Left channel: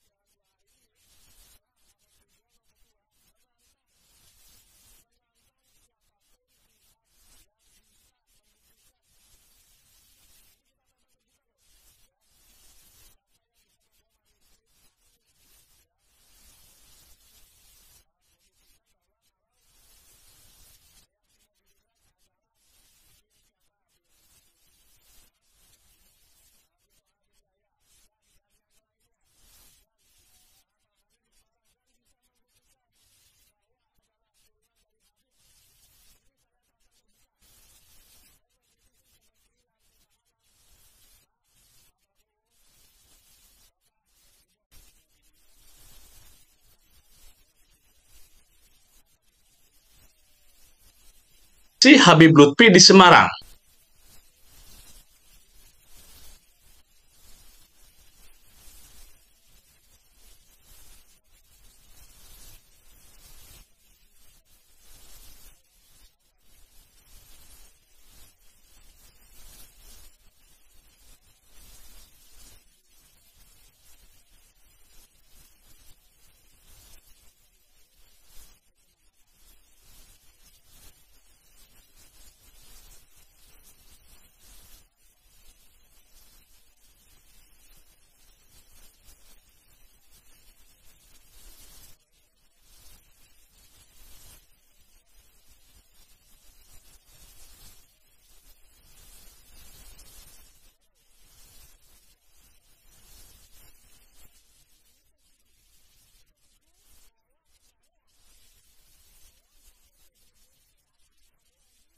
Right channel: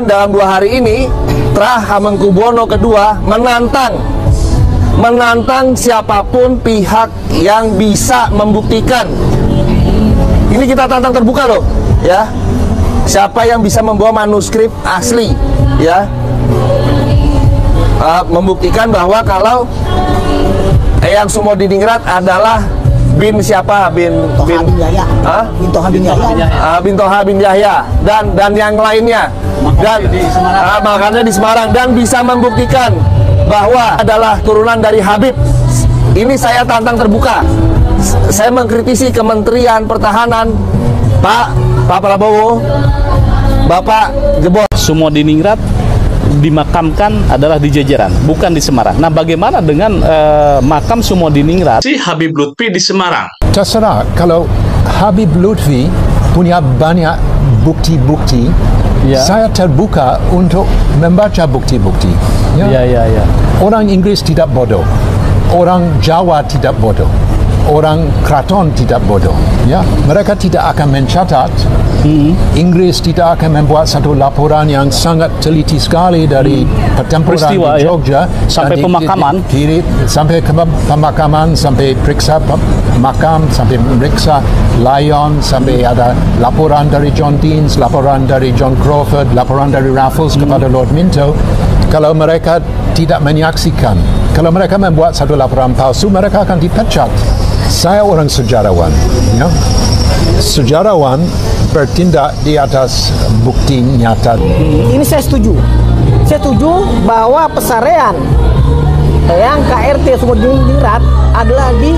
Dan dalam 2 hari ini Trah Hamengkubuwono kedua menantang siapapun pihak yang bisa membuktikan. Ini kita tantang terbuka loh, ya. Siapa yang bisa membawa manuskrip asli, ya, membuktikan bahwa kalau Eyang Sumodiningrat adalah bin siapa? Bin Toha bin Yahya dan yang lainnya. Dan makanya di Semarang, dan bisa membuktikan bahwa adalah turunan dari Habib. Ini saya tantang terbuka. Saya mengkritisi Kementerian Pertahanan, Pak Prabowo, Bapak jebol. Sumodiningrat dimakamkan adalah di Jejeran, bukan di Semarang. Nah, bagaimana dengan makam Sumodiningrat si Habib Lutfi di Semarang? Terserah, kalau Habib Lutfi punya banyak bukti-bukti, ya, saya terbuka untuk membaca bukti-bukti. Ya. Orang Inggris tidak bodoh, orang Jawa tidak bodoh, orang Keraton tidak bodoh. Ya, mereka tidak akan mencatat. Inggris tidak akan membuat satu laporan yang sangat teliti sekali dari pertempuran peristiwa, di Jogja, ya, sampai pemakaman, sampai ke pemakaman, sampai periksa makam, sampai periksa Lion, sampai ada laporan dari John Deans, laporan dari John Crawford, laporan dari Raffles kepada Lord Minto. Kalau mereka tidak menyaksikan, kalau mereka membuat satu laporan palsu, mereka akan dipecat. Saya orang sejarawan, ya. Sejarawan bertindak di atas bukti nyata. Ini saya setuju. Saya setuju bahwa pesarean yang KRT Sumodiningrat adalah di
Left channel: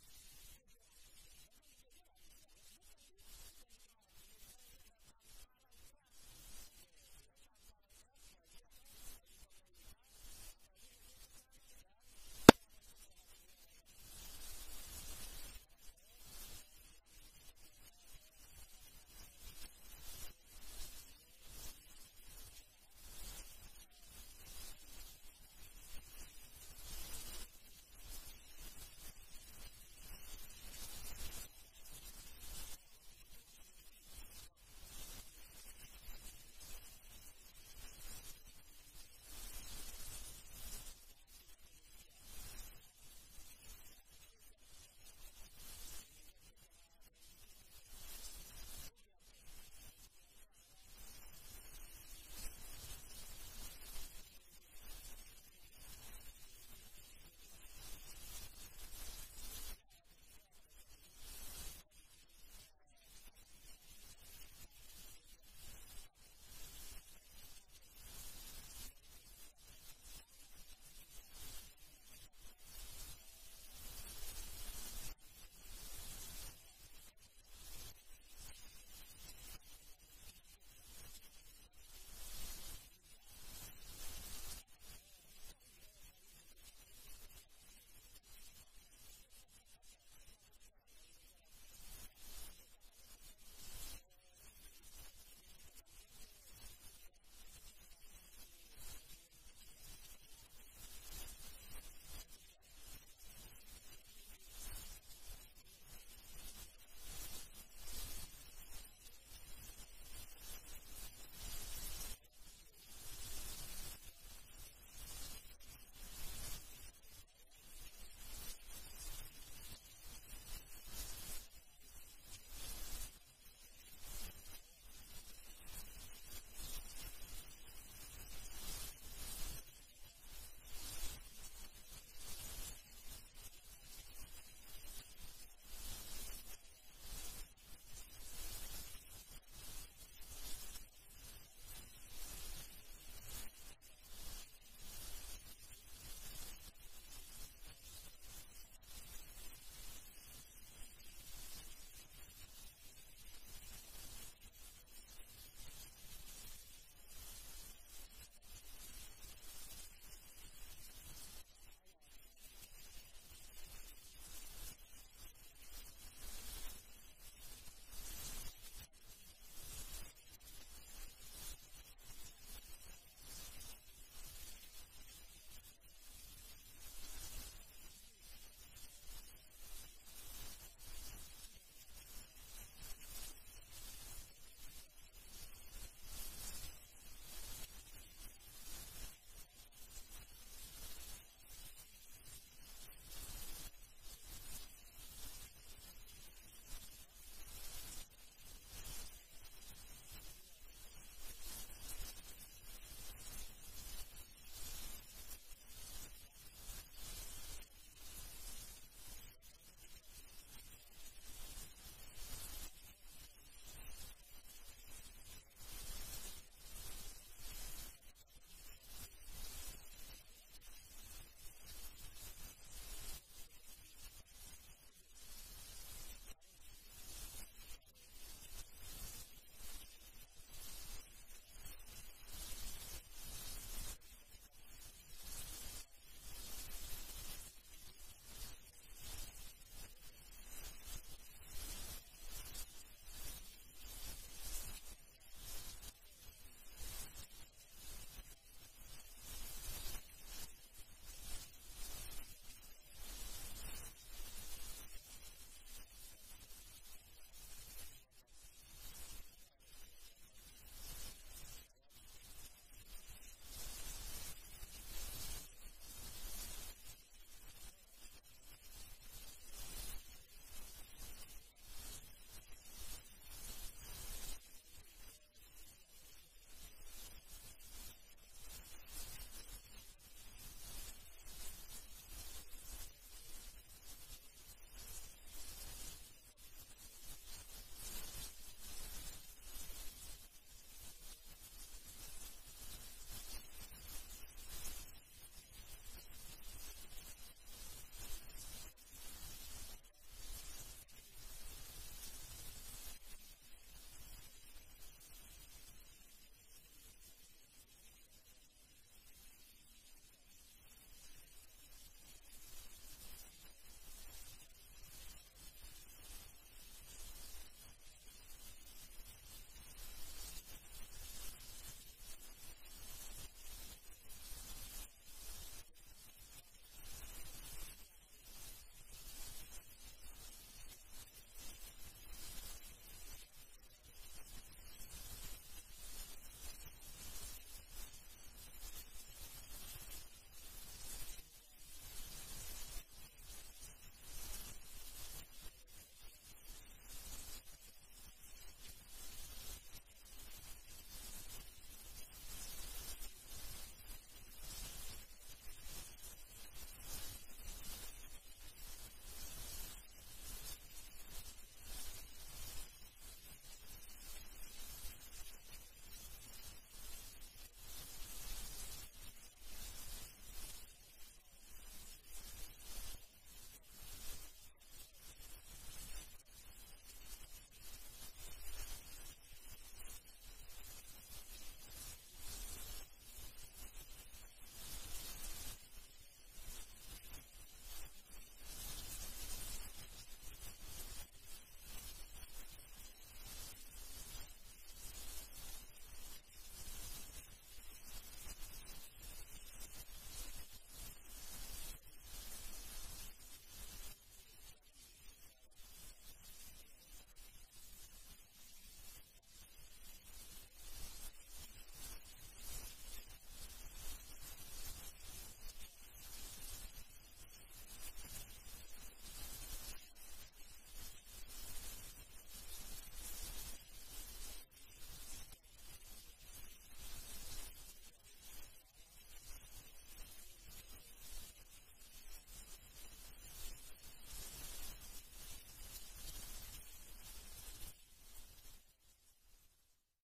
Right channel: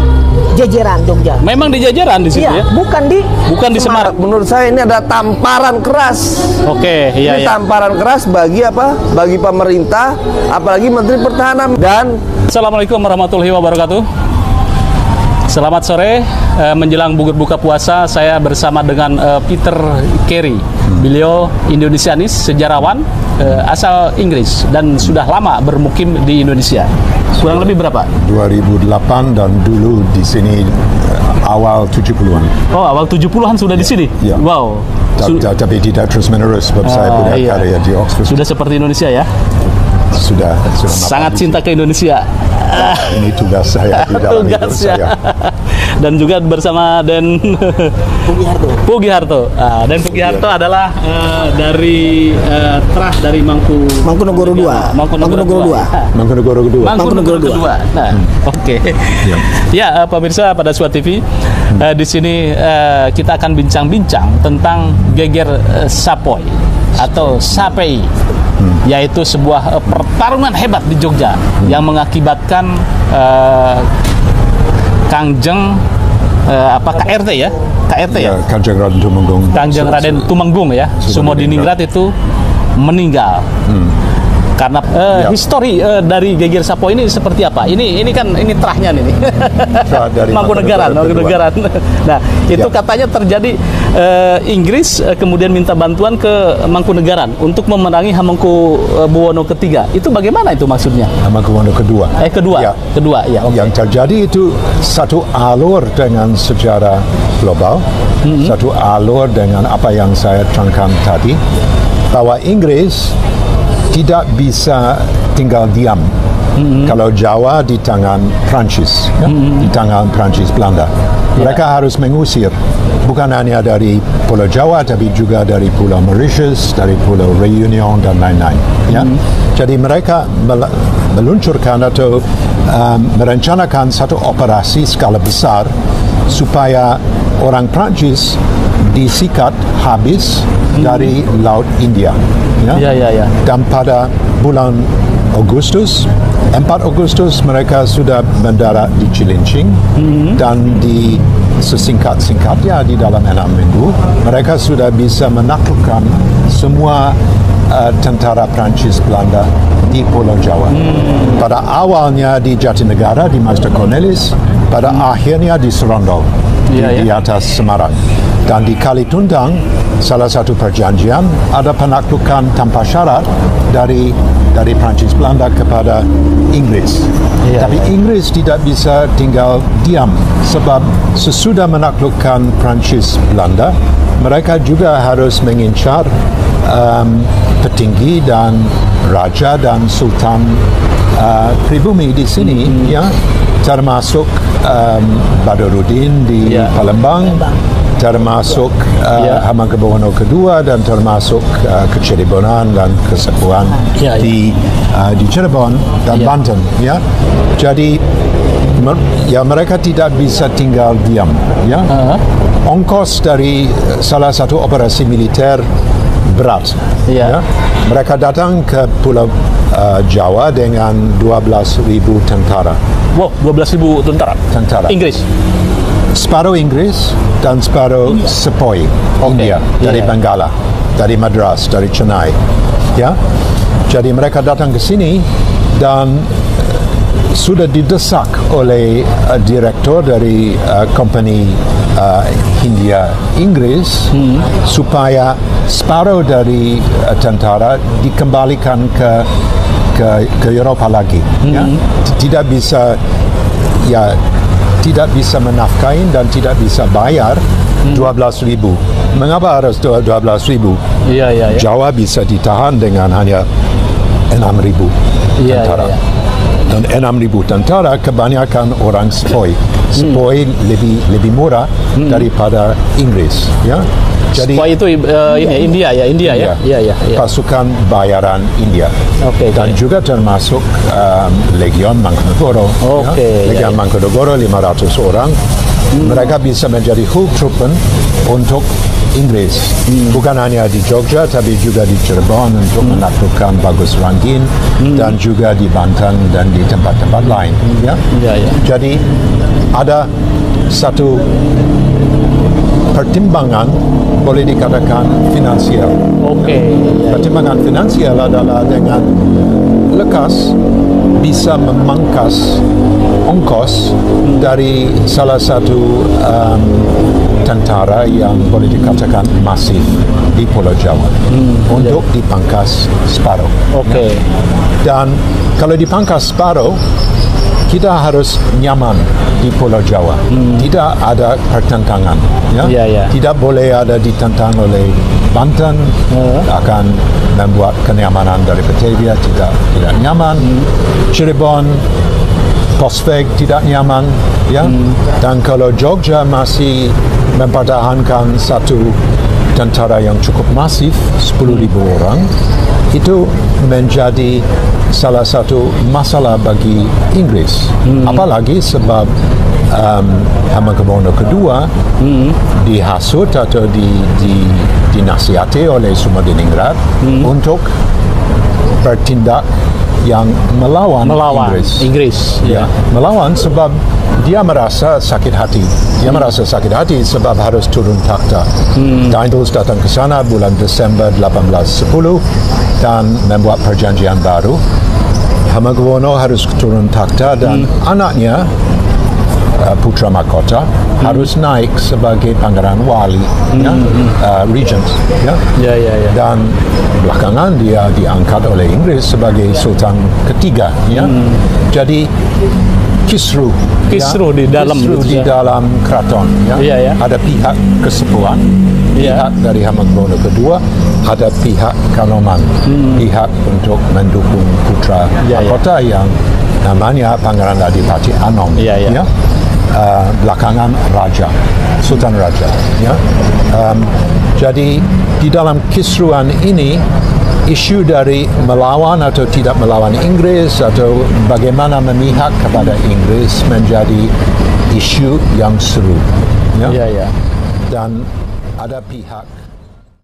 Jejeran, Jogja. Memang di Jejeran di situ, ya? Bukan di Semarang. Menurut saya ini ada tamparan keras. Oke, iya. Ini tamparan keras bagi apa? Bagi pemerintah, apalagi Menteri Pertahanan. Dan Assalamualaikum warahmatullahi wabarakatuh. Selamat sore, menjelang buka puasa saya bersama dengan Peter Carey. Beliau Indonesianis, sejarawan asal Inggris dan sudah lama bermukim di Indonesia. Kurang lebih berapa? 2008 dan dulu di sini awal 70-an. Oh, awal 70-an sudah di sini? Ya. Wow. Tapi tidak terus-menerus sebab saya punya karya di Oxford. Sudah seperti Indonesia ya? Sudah sangat cinta ke Indonesia. Ini tugas saya di dalam hidup saya. Dan juga bersama Den Pugiharto. Dan Pugiharto adalah dari Trah dari Mangkunegoro II. Mangkunegoro II. Nah, oke. Ya, pemirsa pada Suat TV, di sini kita akan bincang-bincang tentang geger Sapoy atau Sapei. Yaitu sebuah pertarungan hebat di Jogja yang mengakibatkan Kangjeng KRT ya? KRT ya? Kanjeng Raden Tumenggung. Kanjeng Raden Tumenggung ya. Sumodiningrat itu meninggal. Karena histori dari geger Sapoy ini seperti apa? Ini kan trahnya nih. Mangkunegaran. Nah, itu katanya terjadi Inggris kemudian minta bantuan ke Mangkunegaran untuk memenangi Hamengkubuwono ketiga. Itu bagaimana itu maksudnya? Hamengkubuwono kedua. Kedua ya. Okay. Yang terjadi itu satu alur dengan sejarah global, satu alur dengan apa yang saya terangkan tadi, bahwa Inggris tidak bisa tinggal diam. Kalau Jawa di tangan Prancis, di tangan Prancis Belanda. Mereka harus mengusir, bukan hanya dari Pulau Jawa, tapi juga dari Pulau Mauritius, dari Pulau Reunion dan lain-lain. Ya. Jadi mereka meluncurkan atau merencanakan satu operasi skala besar supaya orang Prancis disikat habis dari Laut India. Ya. Dan pada bulan Agustus, 4 Agustus mereka sudah mendarat di Cilincing dan di sesingkat-singkatnya di dalam 6 minggu mereka sudah bisa menaklukkan semua tentara Prancis Belanda di Pulau Jawa. Pada awalnya di Jatinegara di Master Cornelis, pada akhirnya di Serondol di atas Semarang. Dan di Kalitundang, salah satu perjanjian ada penaklukan tanpa syarat dari Prancis Belanda kepada Inggris. Tapi Inggris tidak bisa tinggal diam sebab sesudah menaklukkan Prancis Belanda, mereka juga harus mengincar petinggi dan raja dan sultan pribumi di sini, ya, termasuk Badruddin di Palembang, termasuk Hamengkubuwono II, dan termasuk Keciribonan dan Kesepuan di Cirebon dan Banten, ya. Jadi ya mereka tidak bisa tinggal diam, ya. Ongkos dari salah satu operasi militer berat, ya. Mereka datang ke Pulau Jawa dengan 12.000 tentara. Wow, 12.000 tentara. Inggris. Separuh Inggris dan separuh Sepoy India dari Benggala, dari Madras, dari Chennai, ya. Jadi mereka datang ke sini dan sudah didesak oleh direktur dari company Hindia Inggris supaya separuh dari tentara dikembalikan ke Eropa lagi, ya. Tidak bisa menafkain dan tidak bisa bayar 12.000. Mengapa harus 12.000? Jawa bisa ditahan dengan hanya 6.000 tentara. Dan 6.000 tentara kebanyakan orang Sepoy. Sepoy lebih murah daripada Inggris, ya. Jadi Sepoy itu India ya. Pasukan bayaran India. Dan juga termasuk Legion Mangkunegoro. Legion Mangkunegoro 500 orang. Mereka bisa menjadi Hoofdtroepen untuk Inggris. Bukan hanya di Jogja, tapi juga di Cirebon untuk menaklukkan Bagus Ranggin, dan juga di Banten dan di tempat-tempat lain. Ya? Jadi ada satu pertimbangan, boleh dikatakan finansial. Pertimbangan finansial adalah dengan lekas bisa memangkas ongkos dari salah satu tentara yang boleh dikatakan masif di Pulau Jawa untuk dipangkas separuh. Dan kalau dipangkas separuh, kita harus nyaman di Pulau Jawa. Tidak ada pertentangan. Ya? Tidak boleh ada ditentang oleh Banten, akan membuat kenyamanan dari Batavia tidak nyaman. Cirebon, Kosveg tidak nyaman. Ya? Dan kalau Jogja masih mempertahankan satu tentara yang cukup masif, 10.000 orang, itu menjadi salah satu masalah bagi Inggris. Apalagi sebab Hamengkubuwono II dihasut atau dinasihati oleh Sumadiningrat untuk bertindak yang melawan Inggris. Ya. Melawan sebab dia merasa sakit hati. Dia merasa sakit hati sebab harus turun takhta. Daendels datang ke sana bulan Desember 1810 dan membuat perjanjian baru. Hamengkubuwono harus turun takhta dan anaknya Putra Mahkota harus naik sebagai Pangeran Wali, Regent. Dan belakangan dia diangkat oleh Inggris sebagai Sultan ketiga. Jadi kisruh di dalam keraton. Ada pihak Kesepuan, pihak dari Hamengkubuwono II, ada pihak Kanoman, pihak untuk mendukung Putra Mahkota yang namanya Pangeran Adipati Anom. Belakangan Raja, Sultan Raja. Jadi di dalam kisruhan ini, isu dari melawan atau tidak melawan Inggris atau bagaimana memihak kepada Inggris menjadi isu yang seru. Dan ada pihak